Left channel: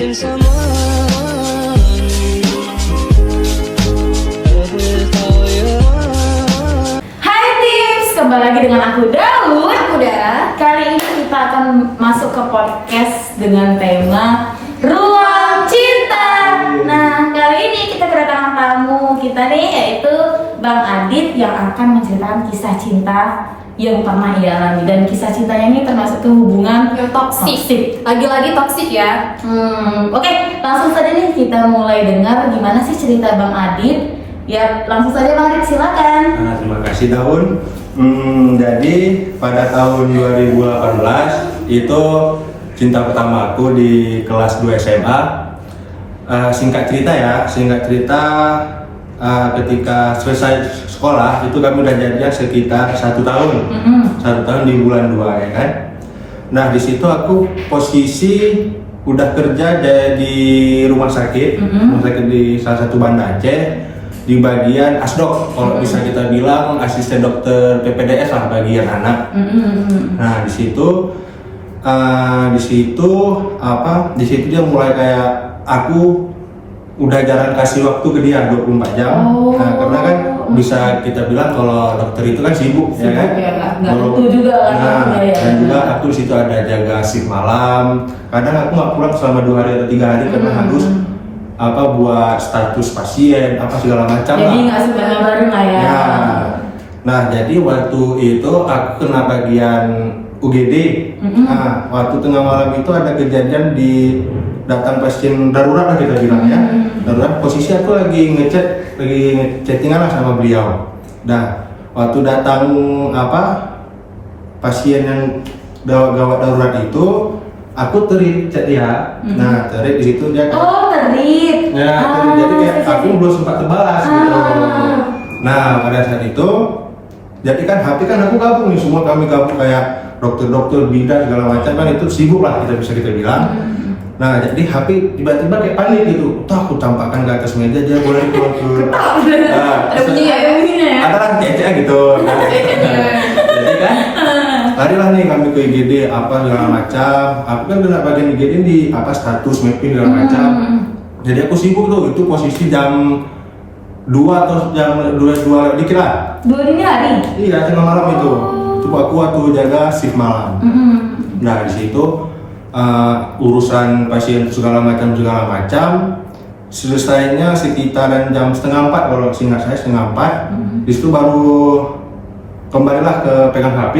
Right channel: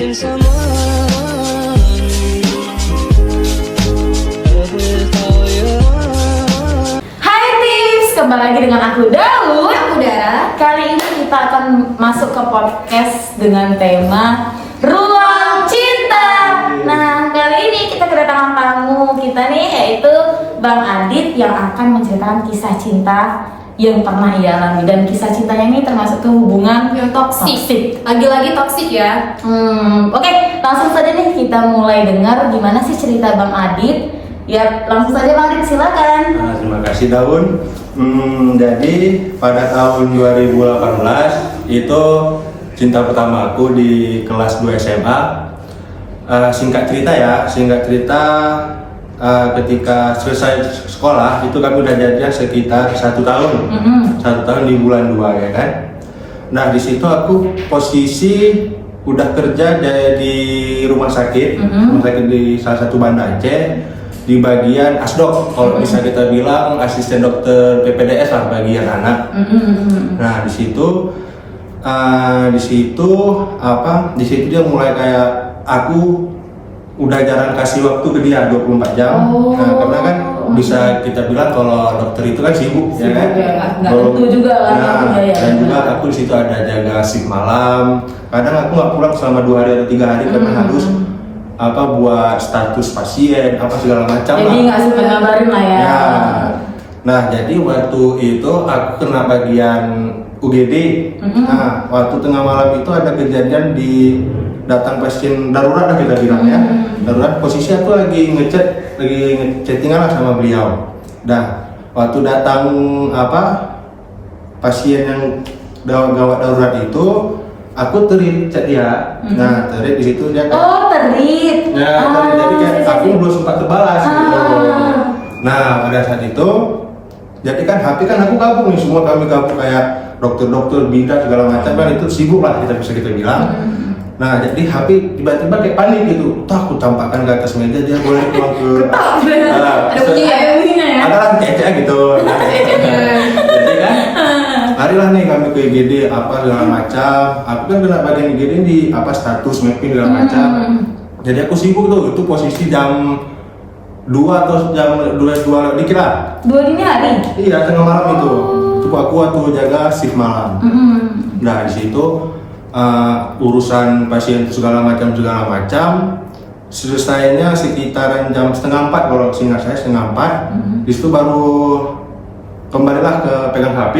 missing someone. Every you Hai tips, kembali lagi dengan aku Daud. Aku Dara. Kali ini kita akan masuk ke podcast dengan tema Ruang Cinta. Nah, kali ini kita kedatangan tamu kita nih, yaitu Bang Adit yang akan menceritakan kisah cinta yang pernah ia alami. Dan kisah cintanya ini termasuk tuh hubungan Yang toksik. Lagi-lagi toksik ya. Oke, langsung saja nih kita mulai dengar gimana sih cerita Bang Adit. Ya, langsung saja Bang Adit, silakan. Nah, terima kasih Daun. Jadi pada tahun 2018 itu cinta pertama aku di kelas 2 SMA. Singkat cerita ketika selesai sekolah itu kami udah jadian sekitar 1 tahun. 1 tahun di bulan 2 ya kan. Nah di situ aku posisi udah kerja di rumah sakit, di salah satu Banda Aceh, di bagian asdok, kalau bisa kita bilang asisten dokter PPDS lah bagian anak. Nah di situ dia mulai kayak aku udah jarang kasih waktu ke dia 24 jam. Nah, karena kan bisa kita bilang kalau dokter itu kan sibuk ya kan. Nggak tentu juga kan. Dan juga aku di situ ada jaga shift malam. Kadang aku nggak pulang selama 2 hari atau 3 hari karena harus buat status pasien segala macam lah. Jadi nggak sempat ngabarin lah ya. Nah jadi waktu itu aku kena bagian UGD. Nah waktu tengah malam itu ada kejadian di datang pasien darurat lah kita bilang ya. Darurat, posisi aku lagi ngechattingan lah sama beliau. Nah waktu datang pasien yang gawat darurat itu, aku terit chat dia. Nah terit di situ dia terit. Nah jadi kayak aku belum sempat terbalas gitu. Nah pada saat itu jadi kan HP kan aku gabung nih, semua kami gabung kayak dokter-dokter bidan segala macam kan, itu sibuk lah kita bilang. Nah jadi HP tiba-tiba kayak panik gitu, aku tampakkan ke atas meja, dia boleh pulang ke Ada bunyinya ya? ada lah cecek gitu. Jadi kan larilah nih kami ke IGD segala macam. Aku kan kena bagian IGD di status mapping segala macam. Jadi aku sibuk tuh, itu posisi jam 2 atau jam 2 dikit lah. 2 dini hari? Iya, tengah malam itu. Itu aku waktu jaga shift malam. Nah di situ urusan pasien segala macam selesainya sekitaran jam 3:30 kalau seingat saya 3:30. Di situ baru kembalilah ke pegang HP.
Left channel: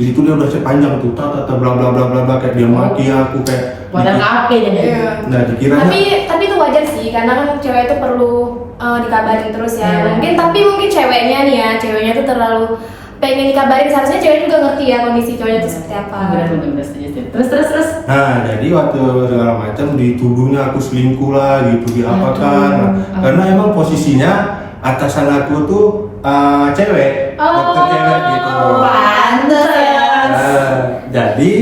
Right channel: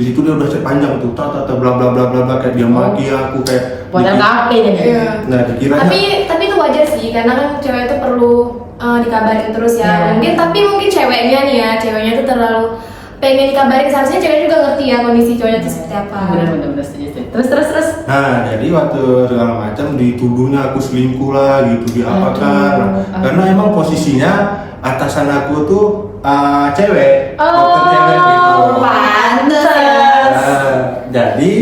Di situ dia udah sepanjang tuh bla bla bla bla bla kayak dia maki aku kayak buatan HP deh. Nah dikiranya Tapi itu wajar sih, karena kan cewek itu perlu dikabarin terus ya. Mungkin ceweknya tuh terlalu pengen dikabarin, seharusnya cewek juga ngerti ya kondisi cowoknya itu seperti apa. Bener. Terus. Nah jadi waktu segala macam dituduhnya aku selingkuh lah gitu, diapakan. Karena emang posisinya atasan aku tuh cewek, dokter cewek gitu. Jadi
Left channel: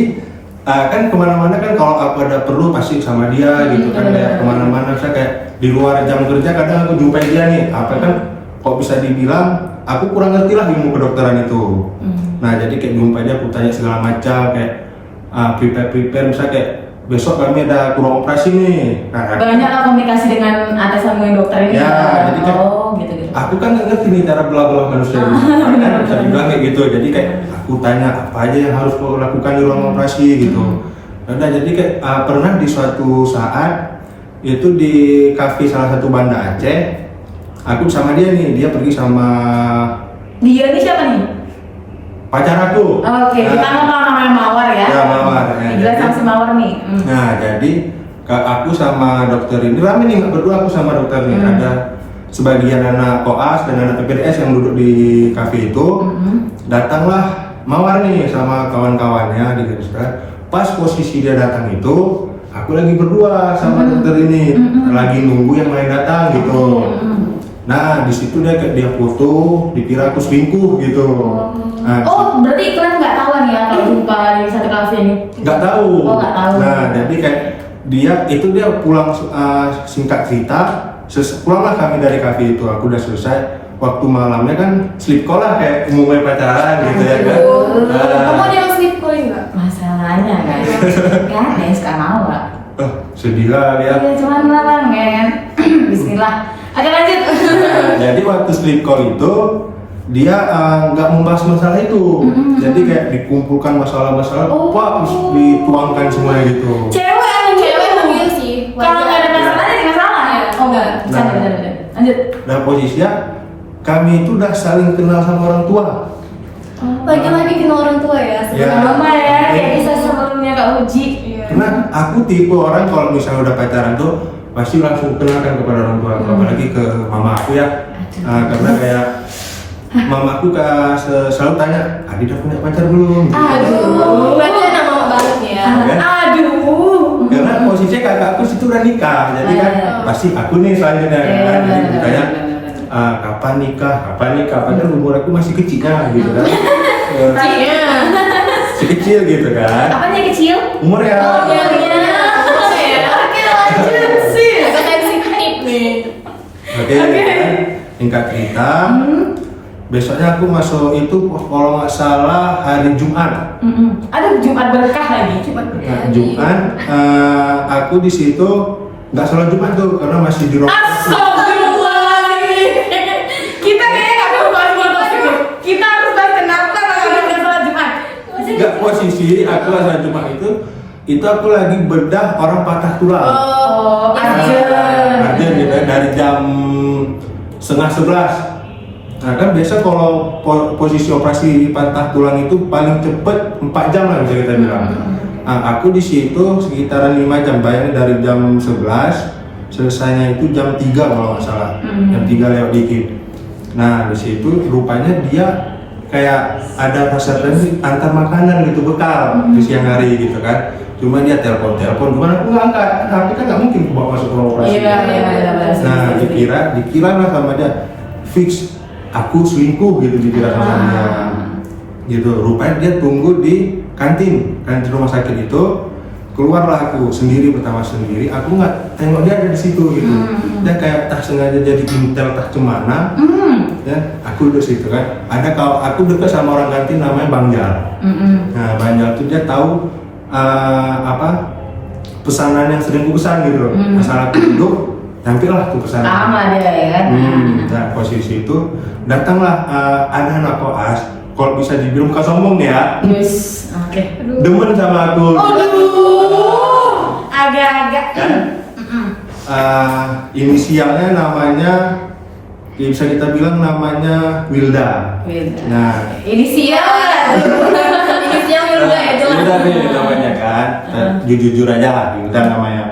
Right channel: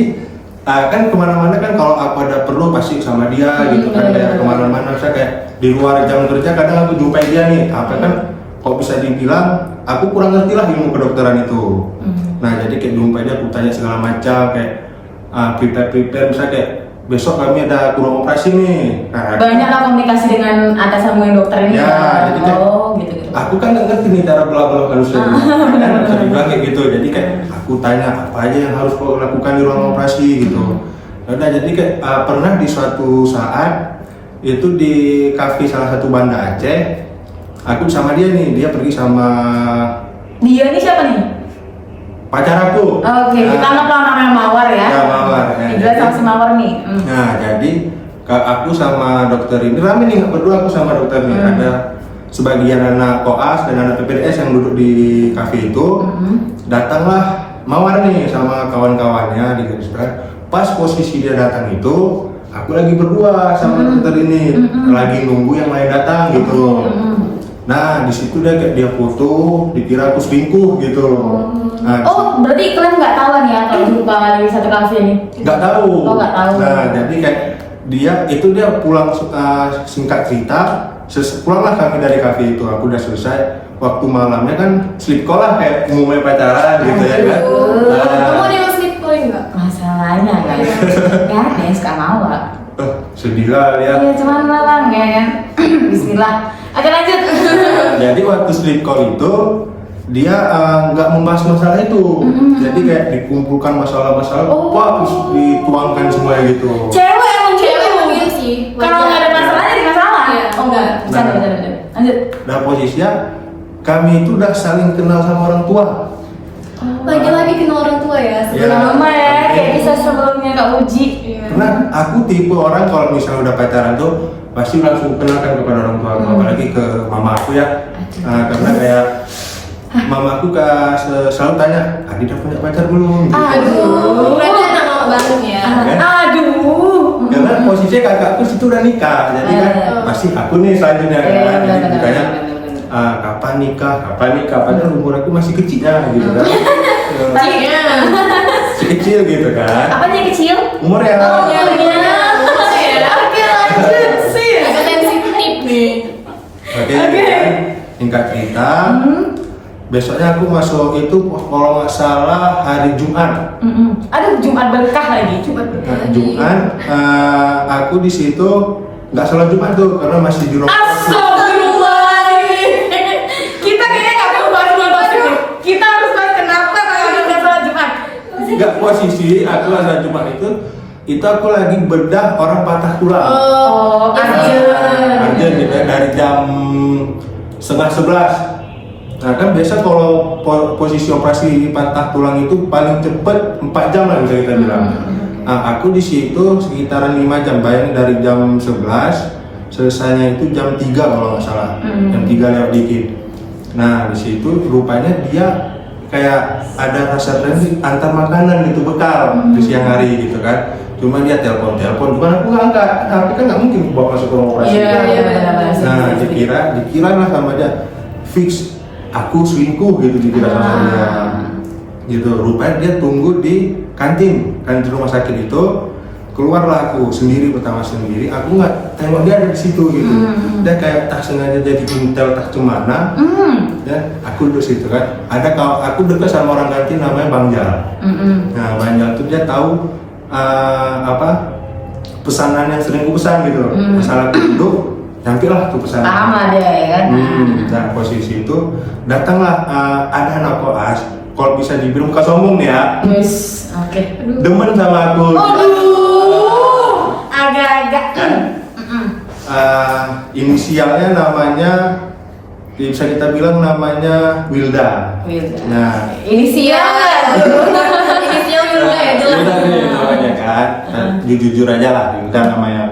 kan kemana-mana kan kalau aku ada perlu pasti sama dia gitu kan, kayak kemana-mana saya kayak di luar jam kerja kadang aku jumpai dia nih, kok bisa dibilang aku kurang ngerti lah ilmu kedokteran itu. Nah jadi kayak jumpai dia, aku tanya segala macam kayak prepare misalnya kayak besok kami ada ruang operasi nih. Nah, banyak lah komunikasi dengan atasanmu yang dokter ini. Ya, jadi kayak gitu. aku kan nggak ngerti nih cara bela-bela manusia ini. Kan bisa dibilang kayak gitu. Jadi kayak aku tanya apa aja yang harus kau lakukan di ruang operasi gitu. Nah, jadi kayak pernah di suatu saat itu di kafe salah satu Banda Aceh, aku sama dia nih, dia pergi sama dia ini siapa nih? pacar aku. Oke, kita namanya Mawar ya. Ya Mawar. Dia sama si Mawar nih. Nah jadi aku sama dokter ini rame nih, nggak berdua aku sama dokter nih. Ada sebagian anak koas dan anak PPDS yang duduk di kafe itu. Datanglah Mawar nih sama kawan-kawannya di garis besar. Pas posisi dia datang itu, aku lagi berdua sama dokter ini, lagi nunggu yang lain datang gitu. Nah di situ dia foto, dikira aku selingkuh gitu. Nah, berarti kalian nggak tahu ya kalau jumpa di satu kafe ini? Nggak tahu. Nggak tahu. Nah jadi kayak dia pulang, singkat cerita, pulanglah kami dari kafe itu. Aku udah selesai. Waktu malamnya kan sleep call lah kayak umumnya pacaran gitu ya kan. Kamu ada yang sleep calling nggak? Masalahnya guys, kan yang suka Mawar. sedih lah lihat. Ya cuman larang ya kan. Bismillah. Oke lanjut. Nah, jadi waktu sleep call itu dia nggak membahas masalah itu, jadi kayak dikumpulkan masalah-masalah, terus dituangkan semuanya gitu. Cewek emang Cewek manggil sih. Kalau nggak ada masalah ada masalah. Iya. Oh enggak. Nah. Benar. Lanjut. Nah posisinya kami itu udah saling kenal sama orang tua. Lagi-lagi kenal orang tua ya. Ya. Lama ya, Oke. kayak kisah sebelumnya Kak Uji. Iya. Karena aku tipe orang kalau misalnya udah pacaran tuh pasti langsung kenalkan kepada orang tua aku, apalagi ke mama aku ya. Karena kayak mama aku selalu tanya, Adi udah punya pacar belum? Gitu. Aduh, berarti anak mama banget nih ya. Kan? Aduh. Karena posisinya kakakku situ udah nikah, jadi kan pasti aku nih selanjutnya kan. Jadi ditanya, kapan nikah? Padahal umur aku masih kecil ya, gitu kan. Iya. Masih kecil gitu kan. Apanya kecil? Umur ya. Oh iya. Oke lanjut sih. Agak sensitif nih. Oke, kan? Singkat cerita, besoknya aku masuk itu kalau nggak salah hari Jumat. Aduh Jumat berkah lagi. Nah, Jumat, aku di situ nggak sholat Jumat tuh karena masih di rumah. Astagfirullahaladzim. Kita kayaknya nggak perlu bahas itu. Kita harus bahas kenapa kalau nggak sholat Jumat. Nggak posisi aku sholat Jumat itu aku lagi bedah orang patah tulang. Oh, Ada gitu ya, dari jam 10:30. Nah kan biasa kalau posisi operasi patah tulang itu paling cepet 4 jam lah bisa kita bilang. Nah, aku di situ sekitaran 5 jam, bayangin dari jam 11 selesainya itu jam 3 kalau nggak salah, jam 3 lewat dikit. Nah di situ rupanya dia kayak ada rasa transit antar makanan gitu, bekal di siang hari gitu kan. Cuma dia telepon, cuman aku nggak angkat, HP kan nggak mungkin bawa masuk ke ruang operasi. Nah dikira lah sama dia fix aku selingkuh gitu dikira sama dia. Gitu, rupanya dia tunggu di kantin rumah sakit itu. Keluarlah aku sendiri, pertama sendiri, aku nggak tengok dia ada di situ gitu. Dia kayak tak sengaja jadi intel tak cemana. Ya, aku duduk situ kan. Ada kalau aku dekat sama orang kantin namanya Bang Jal. Nah Bang Jal tuh dia tahu pesanan yang sering aku pesan gitu. Asal aku duduk, tampillah tuh pesanan. Paham lah dia ya kan. Nah posisi itu datanglah ada anak koas. Kalau bisa dibilang bukan sombong nih ya. Yes. Oke. Demen sama aku. Agak-agak. Kan? Inisialnya namanya bisa kita bilang namanya Wilda. Nah, Inisial ya. Inisial Wilda ya jelas. Wilda nih namanya kan. Jujur aja lah Wilda namanya.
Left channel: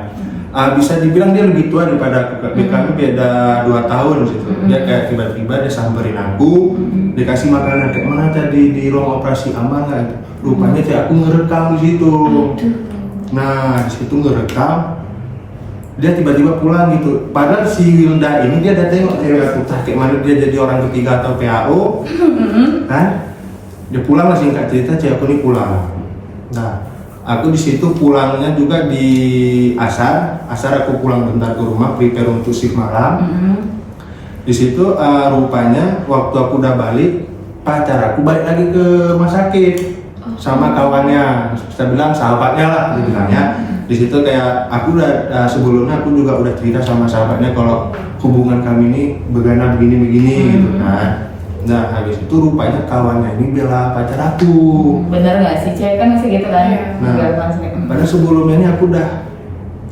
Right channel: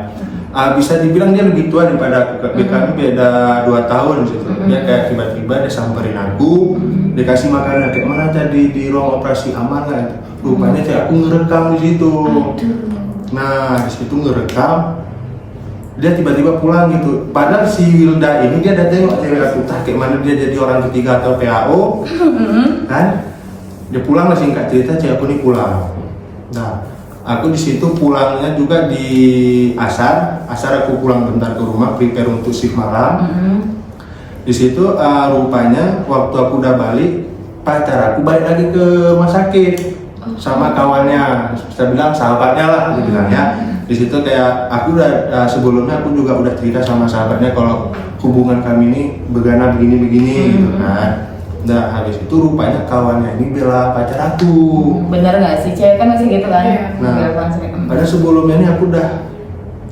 Bisa dibilang dia lebih tua daripada aku. Kami beda 2 tahun gitu. Dia kayak tiba-tiba dia samperin aku, dikasih makanan kayak mana tadi di ruang operasi aman nggak? Rupanya kayak aku ngerekam di situ. Nah di situ ngerekam. Dia tiba-tiba pulang gitu. Padahal si Wilda ini dia udah tengok dari aku kayak mana dia jadi orang ketiga atau PAO, kan? Dia pulang lah singkat cerita, cewek aku ini pulang. Nah, aku di situ pulangnya juga di asar aku pulang bentar ke rumah, prepare untuk shift malam. Di situ rupanya waktu aku udah balik, pacar aku balik lagi ke rumah sakit sama kawannya, kita bilang sahabatnya lah dibilangnya. Di situ kayak aku udah sebelumnya aku juga udah cerita sama sahabatnya kalau hubungan kami ini begini gitu kan. Nah habis itu rupanya kawannya ini bela pacar aku. Bener nggak sih, cewek kan bisa gitu kan? Nah, padahal sebelumnya ini aku udah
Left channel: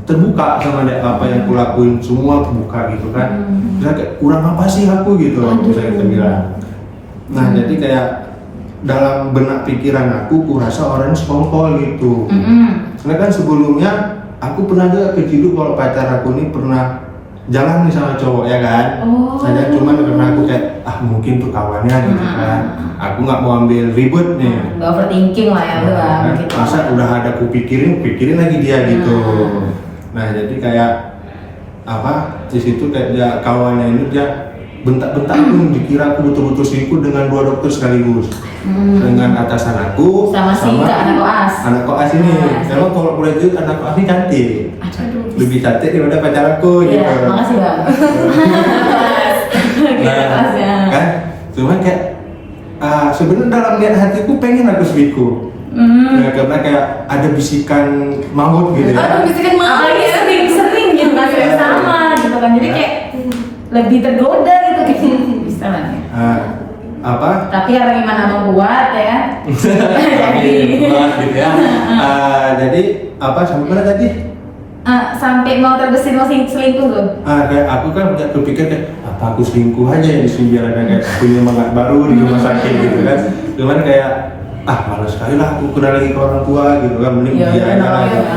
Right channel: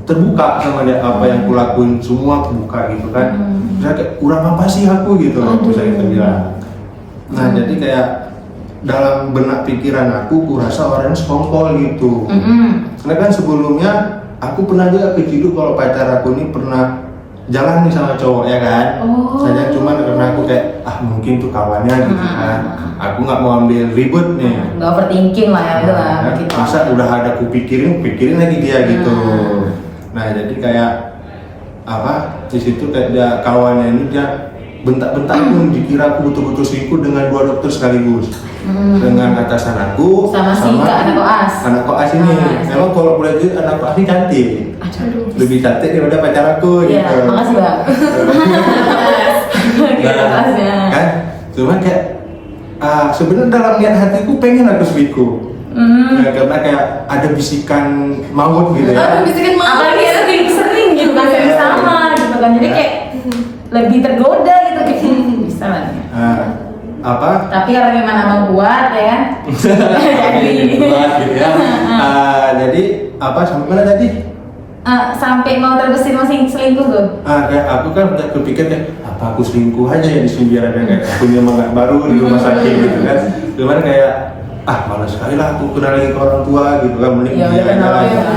terbuka sama dia, apa yang aku lakuin semua terbuka gitu kan. Terus kayak kurang apa sih aku gitu loh, bisa kita bilang. Nah jadi kayak dalam benak pikiran aku kurasa orang sekongkol gitu. Karena kan sebelumnya aku pernah juga keciduk kalau pacar aku ini pernah jalan nih sama cowok ya kan. Hanya cuman karena aku kayak mungkin tuh kawannya gitu kan. Aku nggak mau ambil ribut nih. Nggak overthinking lah ya, Nah, masa udah ada aku pikirin lagi dia gitu. Nah jadi kayak di situ kayak dia kawannya ini dia bentak-bentak pun dikira aku betul-betul selingkuh dengan 2 dokter sekaligus. Dengan atasan aku sama anak koas ini. Memang kalau boleh jujur anak koas ini cantik. Lebih cantik daripada pacar aku gitu. Makasih Bang. Nah, kan cuma kayak sebenarnya dalam niat hatiku pengen aku selingkuh. Karena kayak ada bisikan maut gitu ya. Bisikan maut ya. gitu kan sama gitu kan, jadi kayak lebih tergoda gitu kayak bisa lah ya. Apa? Tapi ya bagaimana membuat ya. Buat gitu ya. Jadi apa sampai mana tadi? Sampai mau terbesit mau selingkuh tuh. Kayak aku kan udah berpikir kayak apa aku selingkuh aja ya di sini biar ada kayak punya semangat baru di rumah sakit gitu kan. Cuman kayak malas sekali lah aku kenal lagi ke orang tua gitu kan, mending dia aja lah gitu.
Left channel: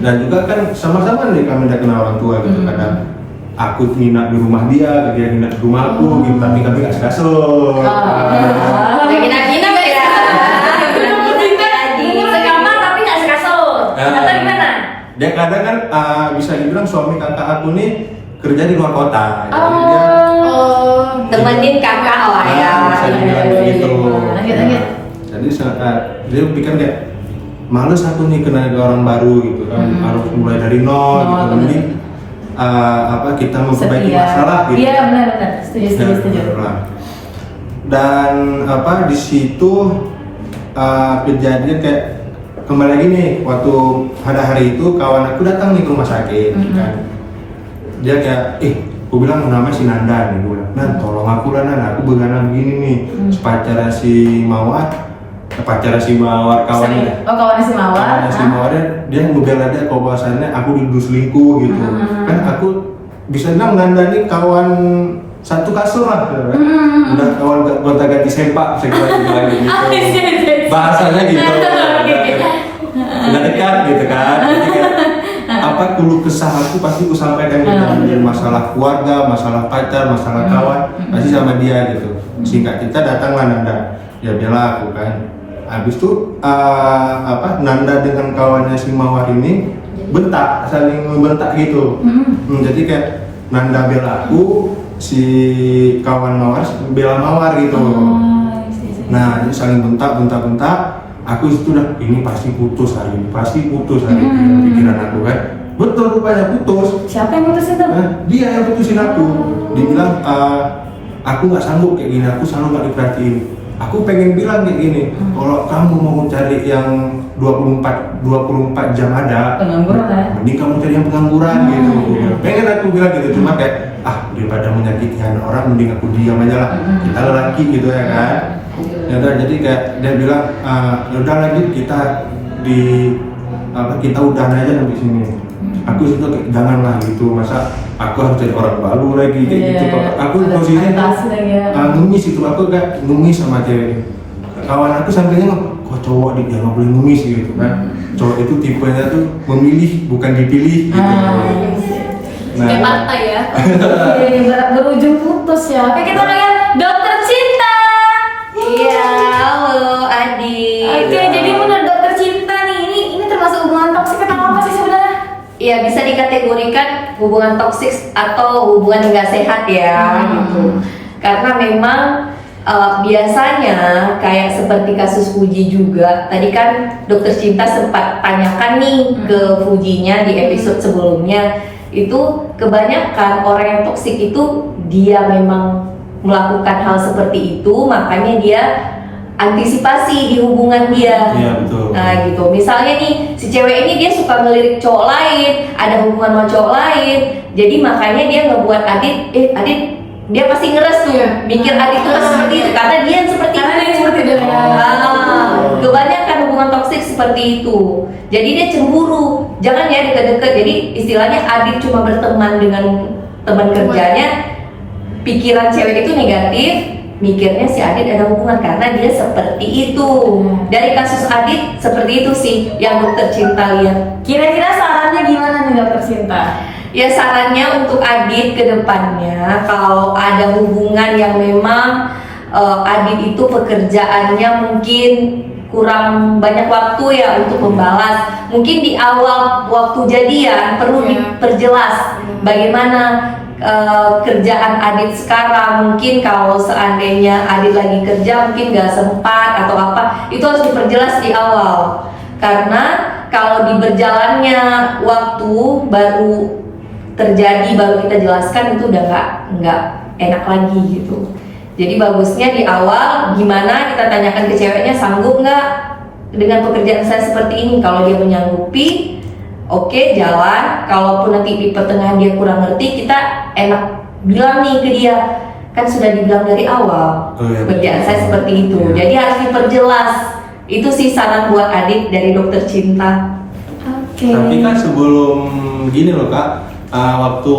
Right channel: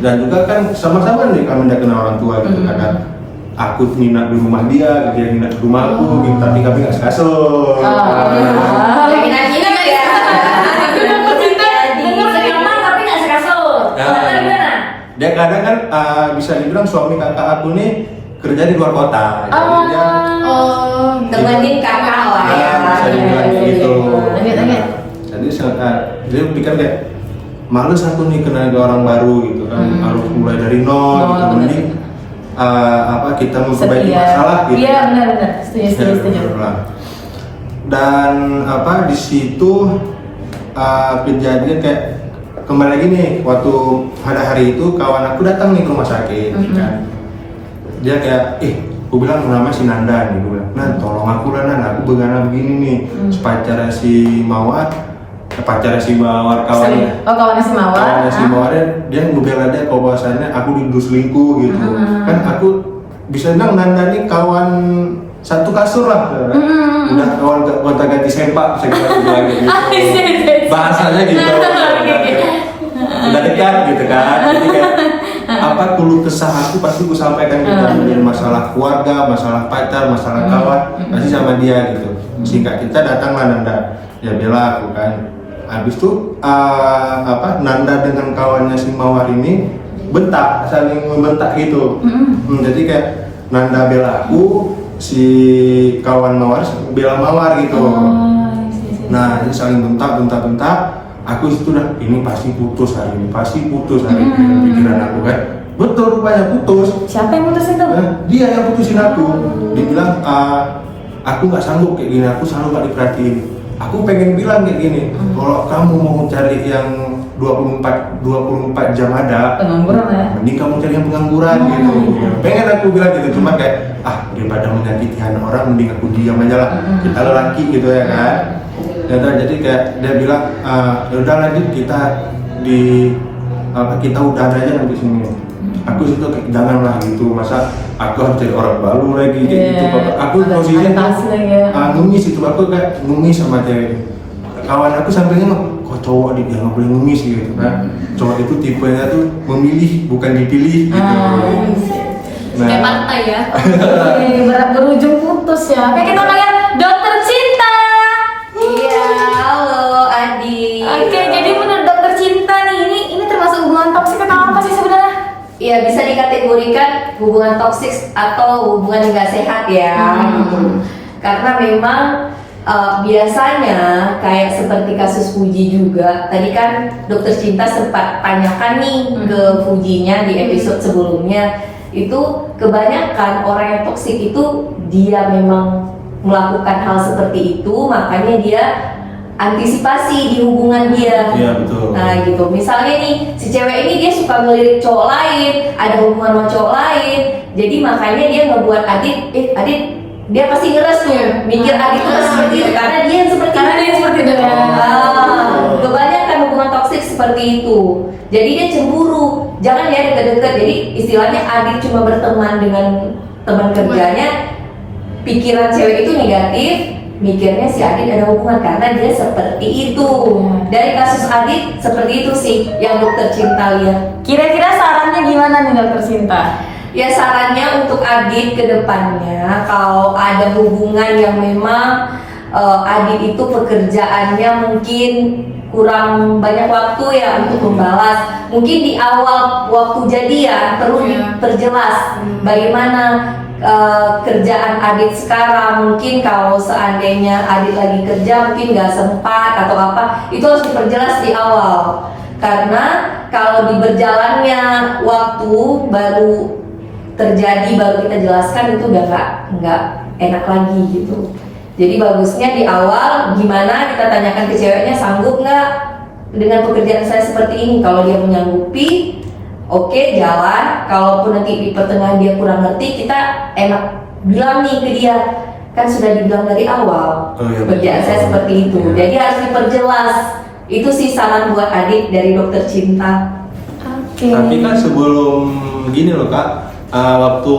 Dan juga kan sama-sama nih kami udah kenal orang tua gitu kadang aku nginap di rumah dia, dia nginap di rumahku gitu, tapi kami gak sekasur. Nginap ya. Dia kadang kan bisa dibilang suami kakak aku nih kerja di luar kota, jadi dia temenin kakak lah ya. Bisa dibilang gitu. Lanjut. Jadi dia pikir kayak males aku nih kenal ke orang baru gitu kan, harus mulai dari nol gitu. Mending kita memperbaiki masalah gitu. Iya benar, setuju. Dan di situ kejadian kayak kembali lagi nih, waktu pada hari itu kawan aku datang nih ke rumah sakit kan. Dia kayak aku bilang namanya si Nanda nih, gue bilang Nan tolong aku lah Nan, aku begana begini nih, pacarnya si Mawar kawannya. Kawannya si Mawar. Kawannya si Mawar dia ngebela dia kalau bahasanya aku dituduh selingkuh gitu. Kan aku bisa bilang Nanda nih kawan satu kasur lah, udah kawan gonta ganti sempak segala gitu. Bahasanya gitu. Udah dekat gitu kan. Jadi kayak keluh kesah aku pasti aku sampaikan gitu, masalah keluarga, masalah pacar, masalah kawan, pasti sama dia gitu. Singkat kita datanglah Nanda, dia bela aku kan. Habis itu Nanda dengan kawannya si Mawar ini saling membentak gitu. Jadi kayak Nanda bela aku, si kawan Mawar bela Mawar gitu. Nah, ini saling bentak. Aku itu udah ini pasti putus hari ini, pikiran aku kan. Betul rupanya putus. Siapa yang putusin tuh? Dia yang putusin aku. Dia bilang aku nggak sanggup kayak gini, aku selalu nggak diperhatiin. Aku pengen bilang kayak gini, kalau kamu mau cari yang 24 jam ada, pengangguran ya? Mending kamu cari yang pengangguran gitu. Pengen aku bilang gitu, cuma kayak daripada menyakiti anak orang, mending aku diam aja lah. Kita lelaki gitu ya kan. Ya udah, jadi kayak dia bilang ya udah lanjut kita udahan aja sampai sini. Aku situ janganlah gitu, masa aku harus jadi orang baru lagi kayak gitu. Aku posisinya numis itu, aku kayak numis sama cewek. Kawan aku sampai nengok, kok cowok dia nggak boleh numis gitu kan. Cowok itu tipenya tuh memilih bukan dipilih gitu. Kayak pantai ya. Berujung putus ya. Kayak kita ngeliat dokter cinta. Iya, halo Adi. Oke, jadi menurut dokter cinta nih, ini termasuk hubungan toksik atau apa sih sebenarnya? Iya, bisa dikategorikan hubungan toksik atau hubungan yang nggak sehat ya gitu. Karena memang biasanya kayak seperti kasus Fuji juga. Tadi kan dokter cinta sempat tanyakan nih ke Fujinya di episode sebelumnya. Itu kebanyakan orang yang toksik itu dia memang melakukan hal seperti itu, makanya dia antisipasi di hubungan dia. Iya betul. Nah gitu, misalnya nih si cewek ini dia suka ngelirik cowok lain, ada hubungan sama cowok lain, jadi makanya dia ngebuat Adit dia pasti ngeres tuh, mikir Adit tuh seperti itu karena dia yang seperti itu. Kebanyakan hubungan toksik seperti itu, jadi dia cemburu, jangan ya deket-deket. Jadi istilahnya Adit cuma berteman dengan teman kerjanya, pikiran cewek itu negatif, mikirnya si Adit ada hubungan karena dia seperti itu. Dari kasus Adit seperti itu sih yang dokter cinta lihat. Kira-kira sarannya gimana nih dokter cinta? Ya sarannya untuk Adit ke depannya, kalau ada hubungan yang memang Adit itu pekerjaannya mungkin kurang banyak waktu ya untuk membalas. Mungkin di awal waktu jadian perlu diperjelas bagaimana kerjaan Adit sekarang. Mungkin kalau seandainya Adit lagi kerja mungkin nggak sempat atau apa, itu harus diperjelas di awal. Karena kalau di berjalannya waktu baru terjadi, baru kita jelaskan, itu udah nggak enak lagi gitu. Jadi bagusnya di awal gimana kita tanyakan ke ceweknya, sanggup nggak dengan pekerjaan saya seperti ini. Kalau dia menyanggupi, oke, jalan. Kalaupun nanti di pertengahan dia kurang ngerti, kita enak bilang nih ke dia, kan sudah dibilang dari awal Oh, iya, pekerjaan betul. saya seperti itu. Iya. Jadi harus diperjelas. Itu sih saran buat Adit dari dokter cinta. Oke. Tapi kan sebelum gini loh kak, waktu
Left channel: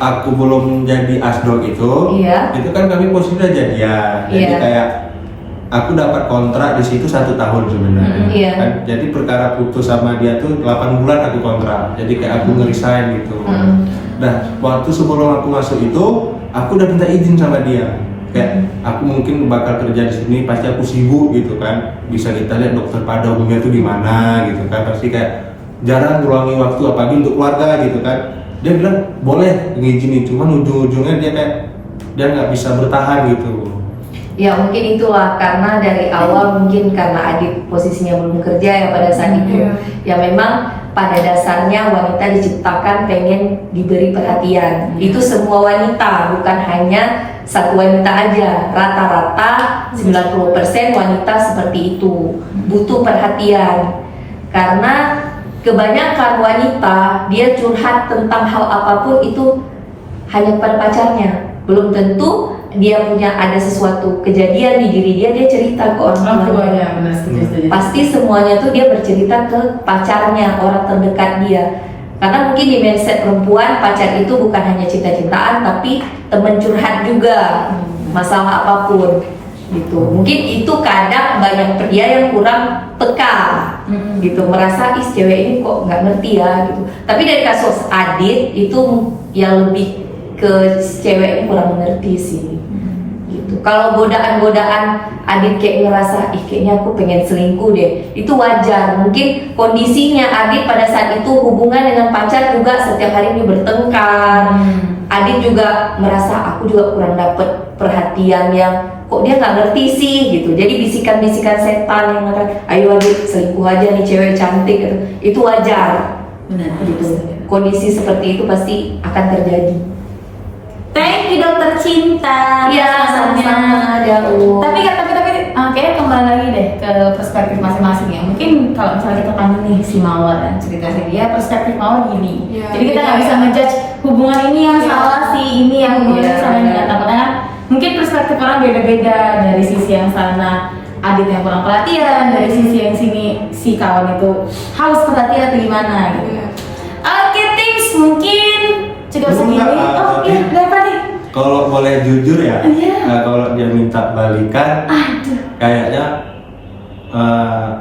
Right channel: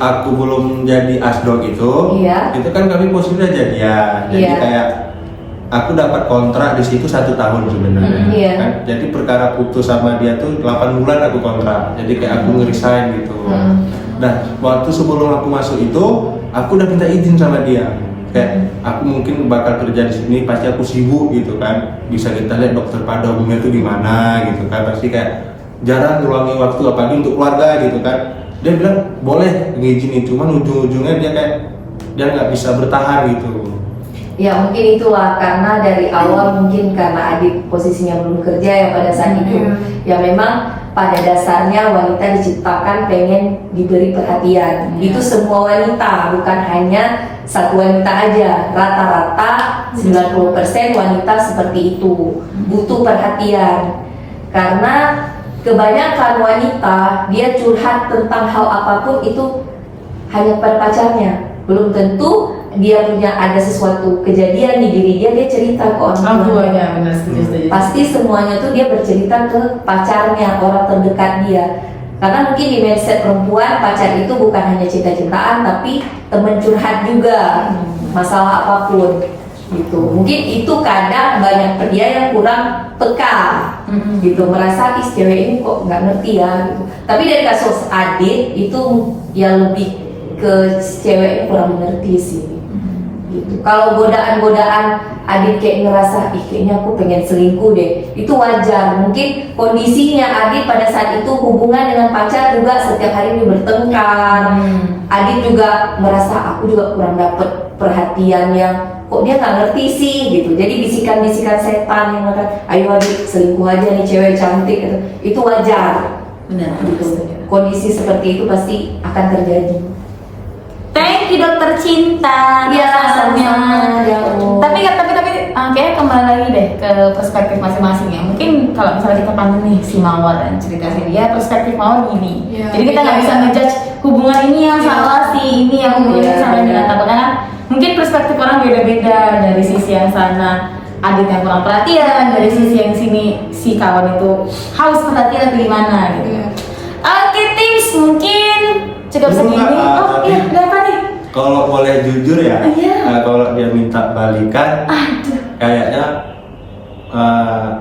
aku belum jadi asdok Iya. itu kan kami posisi udah jadian. Jadi Iya. kayak aku dapat kontrak di situ 1 tahun sebenarnya. Iya. Kan? Jadi perkara putus sama dia tuh 8 bulan aku kontrak. Jadi kayak aku ngeresign gitu. Dan waktu sebelum aku masuk itu, aku udah minta izin sama dia. Kayak aku mungkin bakal kerja di sini, pasti aku sibuk gitu kan. Bisa kita lihat dokter pada umumnya tuh di mana gitu kan. Pasti kayak jarang ngeluangin waktu apalagi untuk keluarga gitu kan. Dia bilang boleh ngizinin, cuman ujung-ujungnya dia nggak bisa bertahan gitu. Ya mungkin itulah karena dari awal mungkin karena Adit posisinya belum kerja ya pada saat itu. Ya memang pada dasarnya wanita diciptakan pengen diberi perhatian. Itu semua wanita, bukan hanya satu wanita aja. Rata-rata 90% wanita seperti itu, butuh perhatian. Karena kebanyakan wanita dia curhat tentang hal apapun itu hanya pada pacarnya. Belum tentu dia punya ada sesuatu kejadian di diri dia cerita ke orang tuanya. Benar, setuju. Pasti semuanya tuh dia bercerita ke pacarnya, orang terdekat dia. Karena mungkin di mindset perempuan pacar itu bukan hanya cinta-cintaan tapi teman curhat juga, masalah apapun gitu. Mungkin itu kadang banyak pria yang kurang peka gitu, merasa ih cewek ini kok nggak ngerti ya gitu. Tapi dari kasus Adit itu yang lebih ke cewek yang kurang mengerti sih gitu. Kalau godaan-godaan Adit kayak ngerasa ih kayaknya aku pengen selingkuh deh, itu wajar. Mungkin kondisinya Adit pada saat itu hubungan dengan pacar juga setiap hari ini bertengkar. Adit juga merasa aku juga kurang dapet perhatian yang kok dia nggak ngerti sih gitu. Jadi bisikan-bisikan setan yang mengatakan ayo Adit selingkuh aja nih cewek cantik gitu. Itu wajar Benar. gitu. Kondisi seperti itu pasti akan terjadi. Thank you dokter cinta. Iya, sama-sama, Daud. Tapi kayaknya kembali lagi deh ke perspektif masing-masing ya. Mungkin kalau misalnya kita pandang nih si Mawar dan cerita dia, perspektif Mawar gini. Iya, Jadi kita nggak iya. bisa ngejudge hubungan ini yang salah sih, ini yang Iya, salah benar. dikatakan. Karena mungkin perspektif orang beda-beda. Dari sisi yang sana Adit yang kurang perhatian, dari sisi yang sini si kawan itu haus perhatian atau gimana gitu. Iya. Oke, tips mungkin cukup Belum, segini. Kak, Oh tapi- iya, berapa nih? Kalau boleh jujur ya, Iya. kalau dia minta balikan, Aduh. kayaknya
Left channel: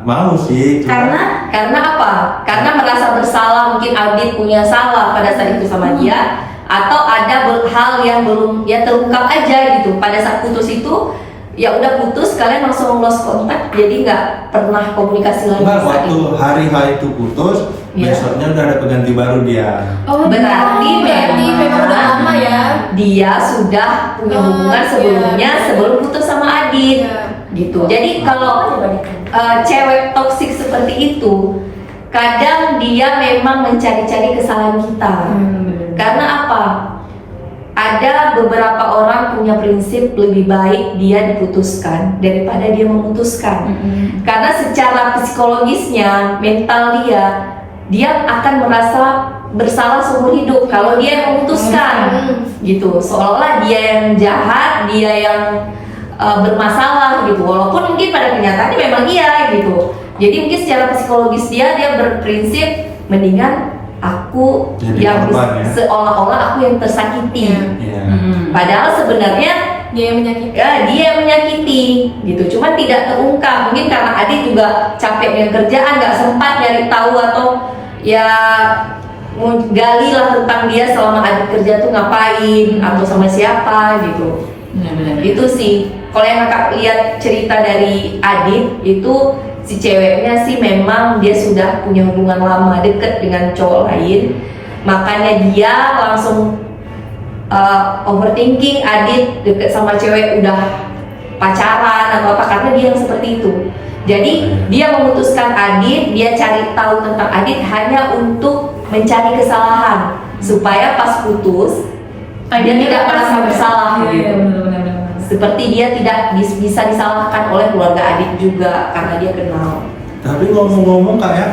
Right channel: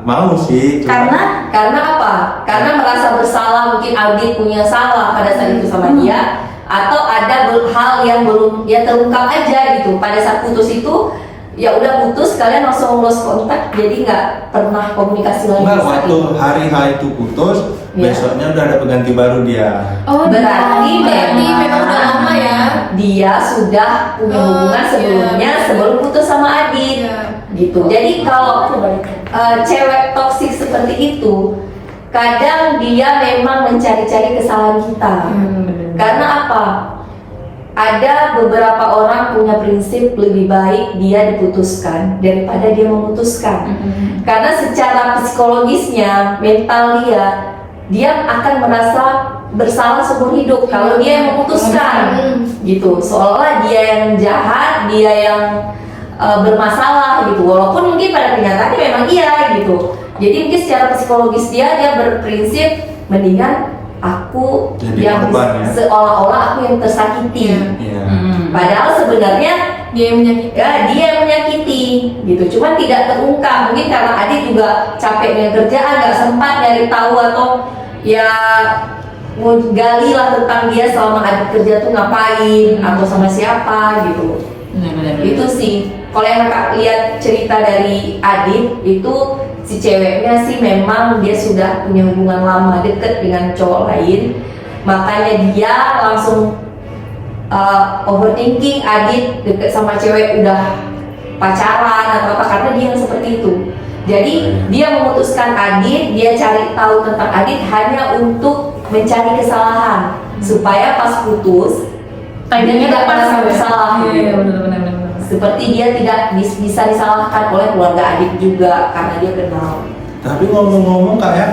mau sih. cuma- Karena apa? Karena merasa bersalah, mungkin Adit punya salah pada saat itu sama dia, atau ada hal yang belum ya terungkap aja gitu. Pada saat putus itu ya udah putus, kalian langsung lost contact, jadi nggak pernah komunikasi lagi. Enggak, saat waktu itu. hari H itu putus, Iya. besoknya udah ada pengganti baru dia. Oh, Berarti memang udah lama ya. Dia sudah punya Oh, hubungan sebelumnya iya. sebelum putus sama Adit. Iya. Gitu. Jadi kalau cewek toksik seperti itu, kadang dia memang mencari-cari kesalahan kita. Karena apa? Ada beberapa orang punya prinsip lebih baik dia diputuskan daripada dia memutuskan. Karena secara psikologisnya, mental dia akan merasa bersalah seumur hidup kalau dia yang memutuskan. Gitu. Seolah-olah dia yang jahat, dia yang bermasalah gitu. Walaupun mungkin pada kenyataannya memang iya gitu. Jadi mungkin secara psikologis dia berprinsip mendingan aku Jadi yang korban, ya? seolah-olah aku yang tersakiti. Iya. Padahal sebenarnya Dia yang menyakiti. ya dia yang menyakiti gitu. Cuma tidak terungkap. Mungkin karena Adit juga capek dengan kerjaan, nggak sempat nyari tahu atau ya mau gali lah tentang dia selama Adit kerja tuh ngapain atau sama siapa gitu. Benar-benar. Itu sih. Kalau yang kakak lihat cerita dari Adit itu si ceweknya sih memang dia sudah punya hubungan lama deket dengan cowok lain, makanya dia langsung overthinking Adit deket sama cewek udah pacaran atau apa karena dia yang seperti itu. Jadi dia memutuskan Adit, dia cari tahu tentang Adit hanya untuk mencari kesalahan supaya pas putus dia tidak merasa bersalah. Iya, benar-benar. Seperti dia tidak bisa disalahkan oleh keluarga Adit juga karena dia kenal. Tapi ngomong-ngomong kak ya,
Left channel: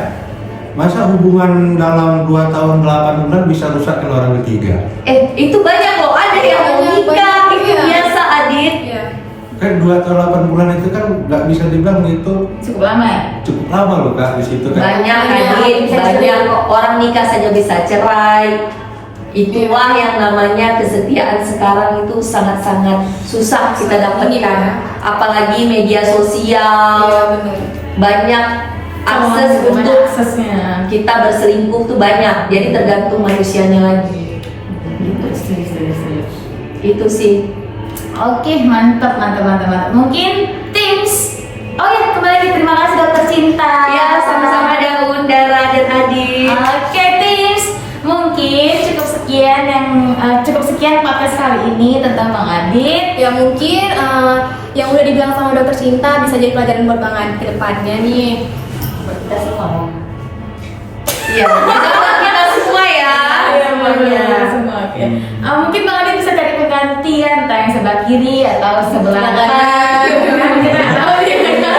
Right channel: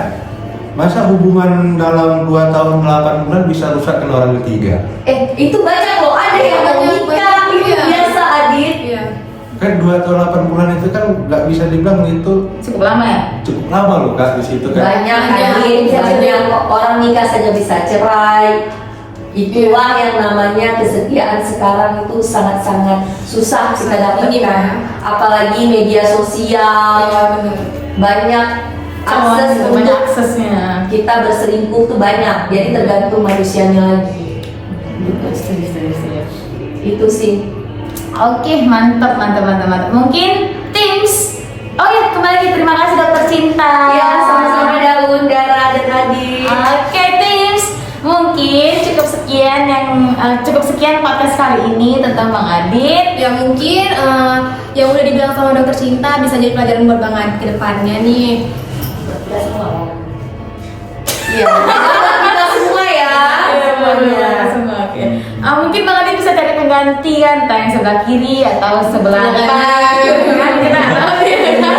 masa hubungan dalam 2 tahun 8 bulan bisa rusak kena orang ketiga? Itu banyak loh, ada yang mau nikah, itu biasa Adit. Iya. Kan 2 tahun 8 bulan itu kan nggak bisa dibilang itu Cukup lama ya? cukup lama loh Kak di situ kan. Banyak Banyak, Adit, bisa banyak cerai. orang nikah saja bisa cerai. Itulah yang namanya kesetiaan sekarang itu sangat-sangat susah kita dapatkan. Iya. Apalagi media Iya sosial, benar. banyak akses Banyak untuk aksesnya. kita berselingkuh tuh banyak. Jadi tergantung manusianya lagi. Gitu, setuju. Itu sih. Oke, mantap. Mungkin tips. Oke, kembali lagi, terima kasih dokter Cinta. Ya, sama-sama Daun, Dara, dan Adit. Oke, tips. Mungkin cukup sekian podcast kali ini tentang Bang Adit. Ya mungkin yang udah dibilang sama dokter Cinta bisa jadi pelajaran buat Bang Adit ke depannya nih. Iya, bisa buat kita semua ya. Semuanya. Oke. Mungkin Bang Adit bisa cari pengganti kan, entah yang sebelah kiri atau sebelah kanan. Kita tahu gitu kan.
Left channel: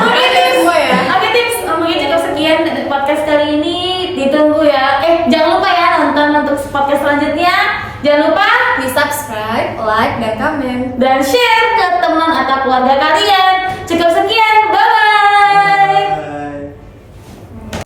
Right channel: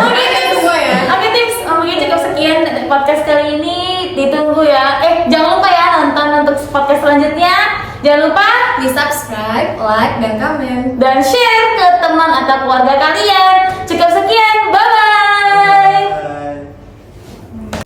Ada semua ya. Oke tips, mungkin cukup sekian podcast kali ini. Ditunggu ya. Jangan lupa ya nonton untuk podcast selanjutnya. Jangan lupa Di subscribe, like, dan komen. dan share ke teman atau keluarga kalian.